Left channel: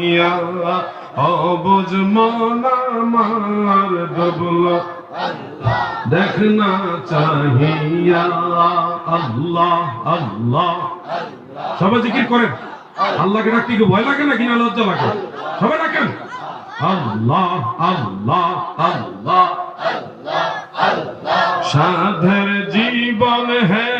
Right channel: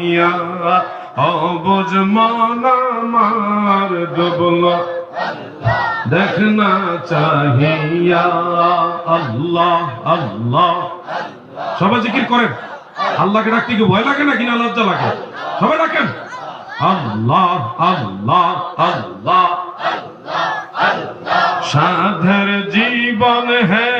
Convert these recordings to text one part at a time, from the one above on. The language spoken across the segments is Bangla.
চাহিয়া অবুজ মন আমার ডুবল দেখনা চাহিয়া। আল্লাহ আল্লাহ। সবাই জিকির করেন। আল্লাহকে ডাকতে কি ভয় লাগে না লজ্জা লাগে? সবাই ডাকেন। আল্লাহ আল্লাহ আল্লাহ। সাধের জীবন হেলাই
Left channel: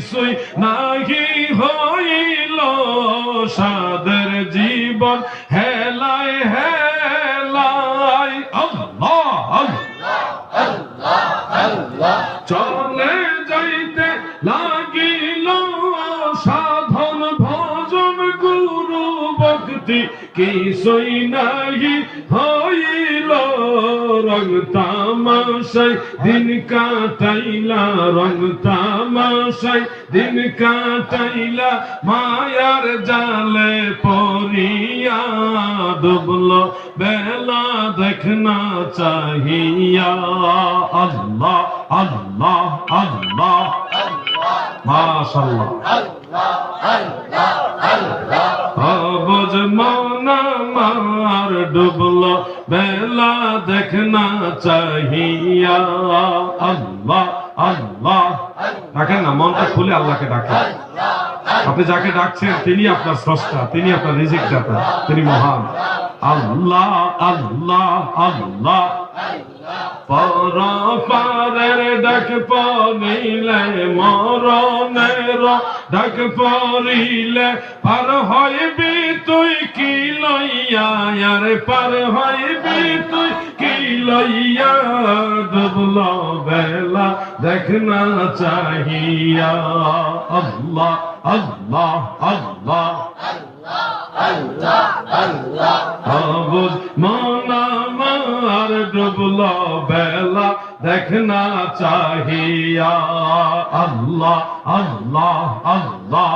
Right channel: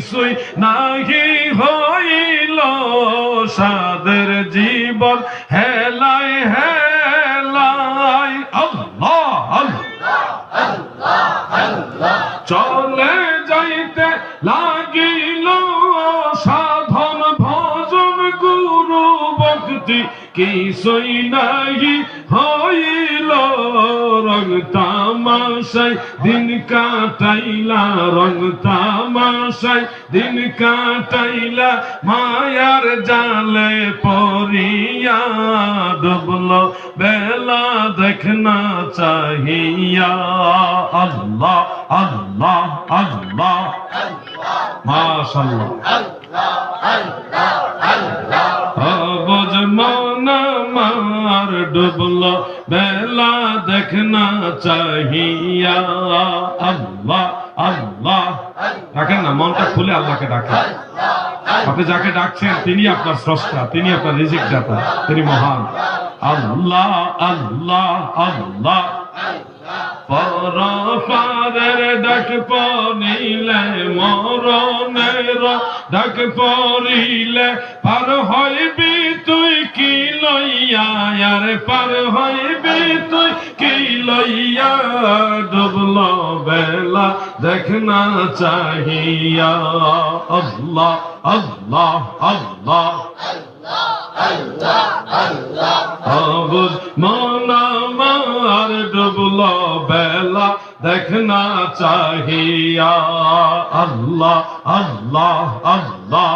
কিছুই নাহি হইল সাধের জীবন। হেলাই হেলাই, আল্লাহ চলে যাইতে লাগিল সাধন ভজন গুরু ভক্তি। কিছুই নাহি হইল রং তামাশাই দিন কাটাইলা রং তামাশাই দিন কাটাইলা মায়ার জালে পরিয়া ডুবল বেলা দেখনা চাহিয়া। আল্লাহ আল্লাহ আল্লাহ। মাশাআল্লাহ। অবজ মন মার ডুবল, বেলা দেখনা চাহিয়া। খুলে আল্লাহকে ডাকেন আপনি যাকে ডাকছেন, তিনি আপনার স্রষ্টা, তিনি আপনার রিজিক দাতা তিনি মহান। আল্লাহ আল্লাহ আল্লাহ। ডাক পড়িলে ডাক পার হইবি তুই, কি লইয়া পার হইবি তুই, কি লইয়া বেলা দেখনা চাহিয়া, আল্লাহ আল্লাহ আল্লাহ। অবুজ মন আমার ডুবল বেলা দেখনা চাহিয়া, আল্লাহ আল্লাহ আল্লাহ।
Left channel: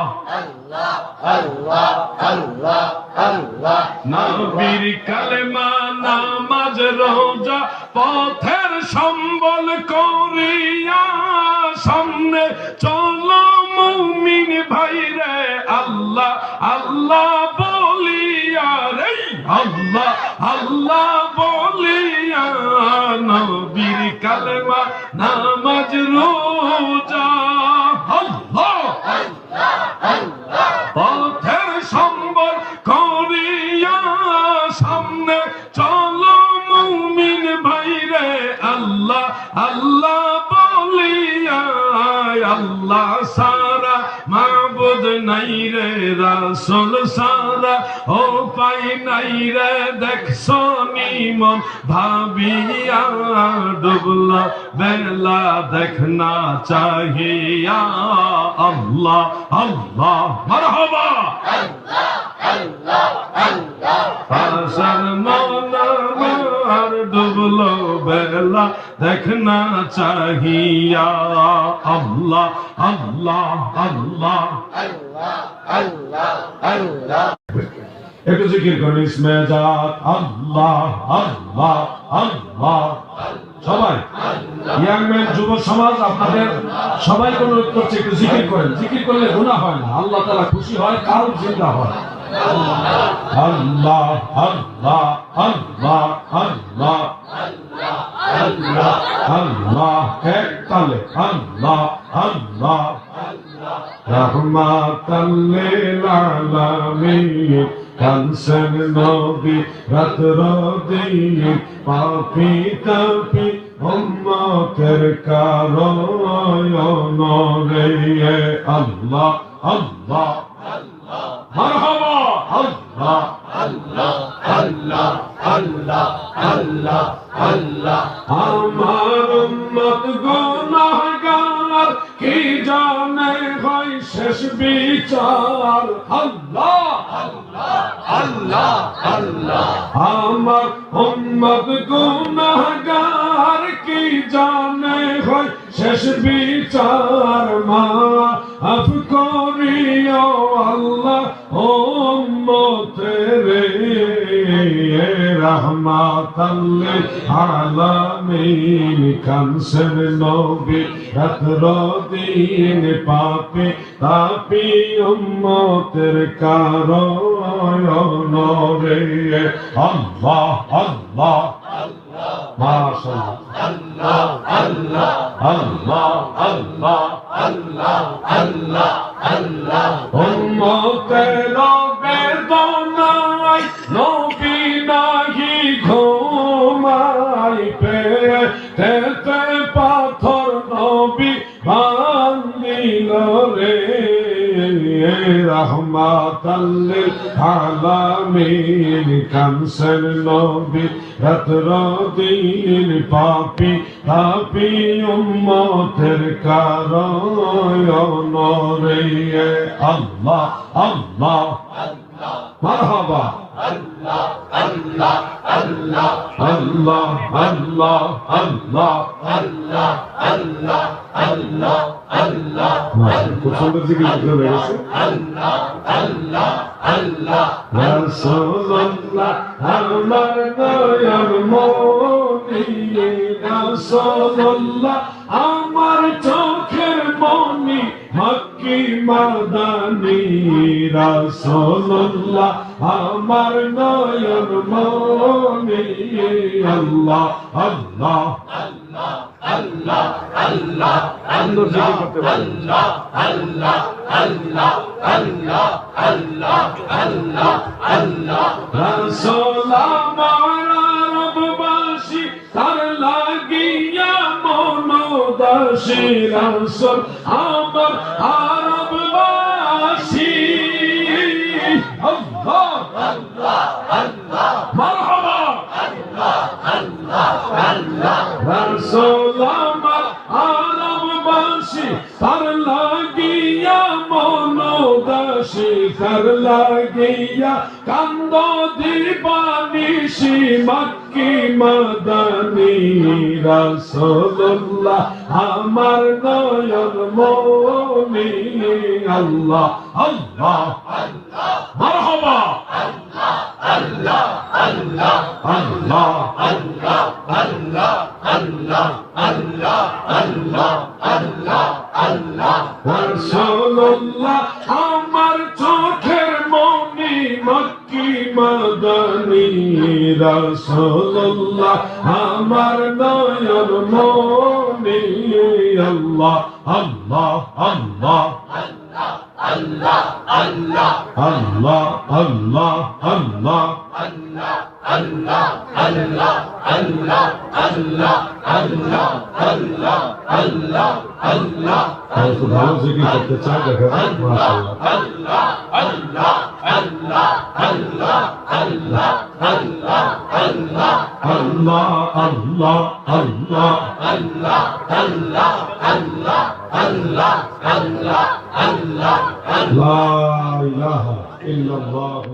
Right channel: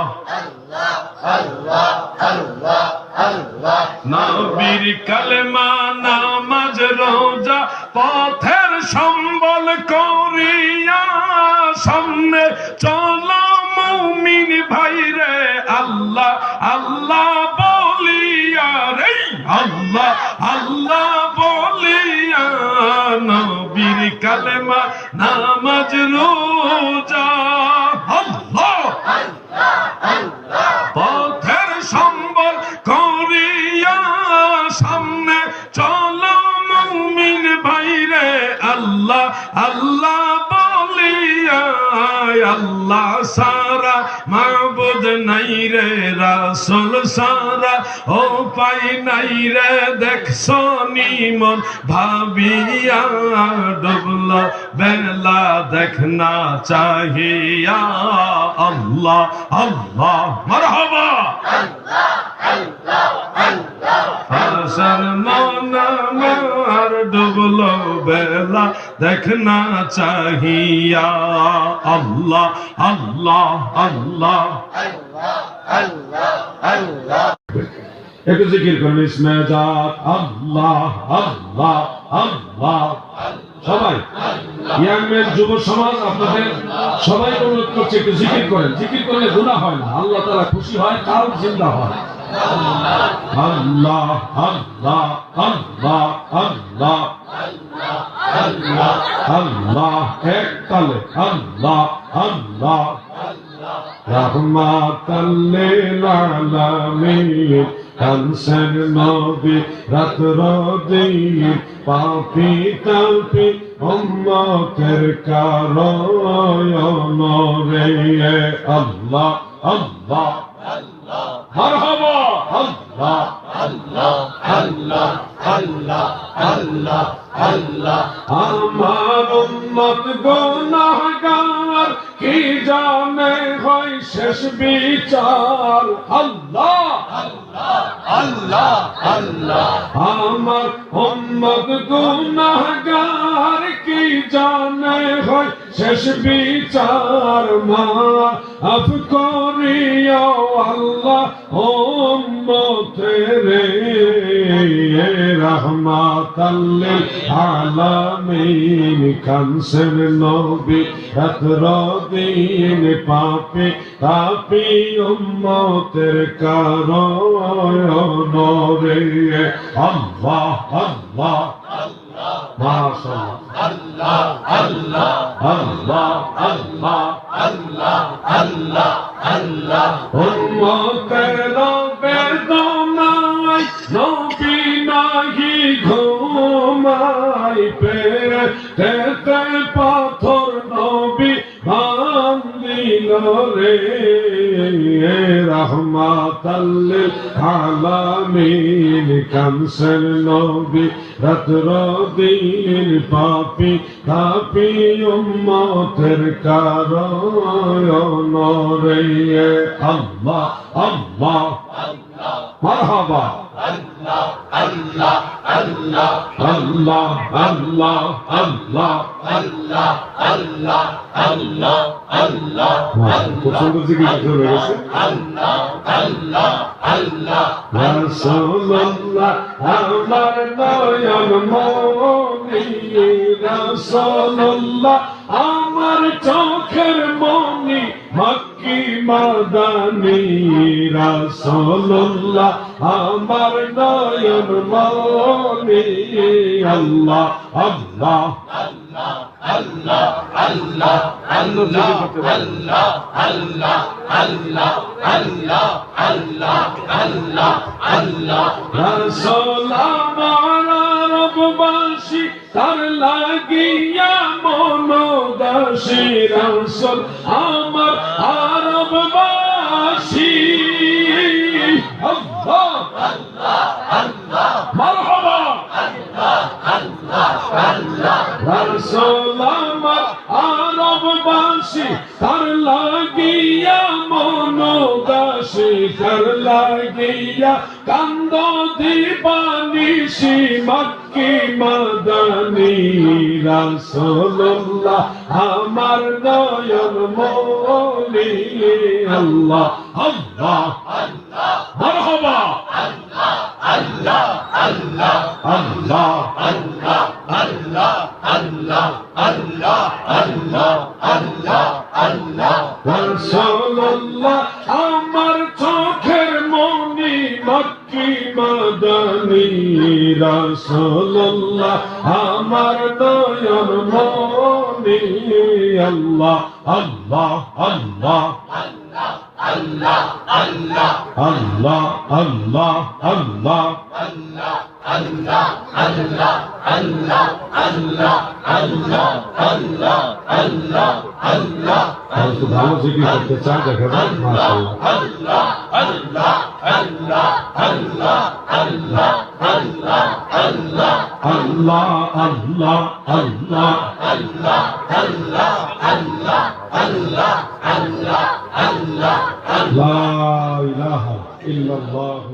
নবীর কালেমা নামাজ রোজা পথের সম্বল আল্লাহ আল্লাহ নাই রে দেখছ নিমন ভাবিয়া ডুবলা বেলা দেখনা চাহিয়া আল্লাহ আল্লাহ মারহাবা হাসান মনার ডুবলো বেলা দেখনা চাহিয়া আল্লাহ আল্লাহ আল্লাহ একটু জিকির করুন ইসমে আল্লাহ আল্লাহ আল্লাহ, সবাই। ইয়াংম্যান যুব সমাজ, আপনাদের সবাই অনুরোধ করছে একটু জিকির করেন। জিকির করলে গুণা হয় না। আল্লাহ তারা খুশি হয় জিন্দা হয় আল্লাহ আল্লাহ আল্লাহ আল্লাহ আল্লাহ, এক তালে, আল্লাহ আল্লাহ। রহমাতাল কানসের নবী রাত্র দিন পাপি তাপি উম্মতের কারণ রে আল্লাহ আল্লাহ মারহাবা। আল্লাহ আমার উন্মত গুনাহগার, কি জানে হয় শেষ বিচার? আল্লাহ। আমার উম্মত গুনাহগার কি জানে হয়? শেষ বিচার মা কানসেন নবী রাত্র দিন পাপে তাপি উম্মতের কারণ রে আল্লাহ আল্লাহ মাশাআল্লাহ আল্লাহ আল্লাহ উম্মতের বেদনায় রহমাতাল্লিল আলামিন কানসের নবী রাত্র দিন পাপি তাপি উম্মতের কারণ রে। আল্লাহ আল্লাহ। মারহাবা। আল্লাহ আল্লাহ আল্লাহ। খুব সুন্দর জিকির করতে লেগেছে রাসূলুল্লাহ আমার নয়ন মনি রাসূলুল্লাহ আমার চোখের মক্কি মাদানি রাসূলুল্লাহ, আমার নয়ন মনি আল্লাহ আল্লাহ। সুন্দর জিকির করতে পারেন রাসূল আমার তার মনোদাসী রাসূল আমার আরববাসী আল্লাহ মারহাবা রাসূল আমার আরববাসী তার লাগিয়া মনোদাসী তার লাগিয়া কান্দ দিবানিসি মক্কি মাদানি রাসূলুল্লাহ আমার নয়ন মনি আল্লাহ আল্লাহ মারহাবা মক্কি মাদানি রাসূলুল্লাহ আমার নয়ন মনি আল্লাহ আল্লাহ আল্লাহ। আল্লাহ আল্লাহ আল্লাহ। আর একটু ভালো জিকির করতে চান দেখাবেন মাশাআল্লাহ আল্লাহ আল্লাহ আল্লাহ লা ইলাহা ইল্লাল্লাহু মুহাম্মাদুর রাসূল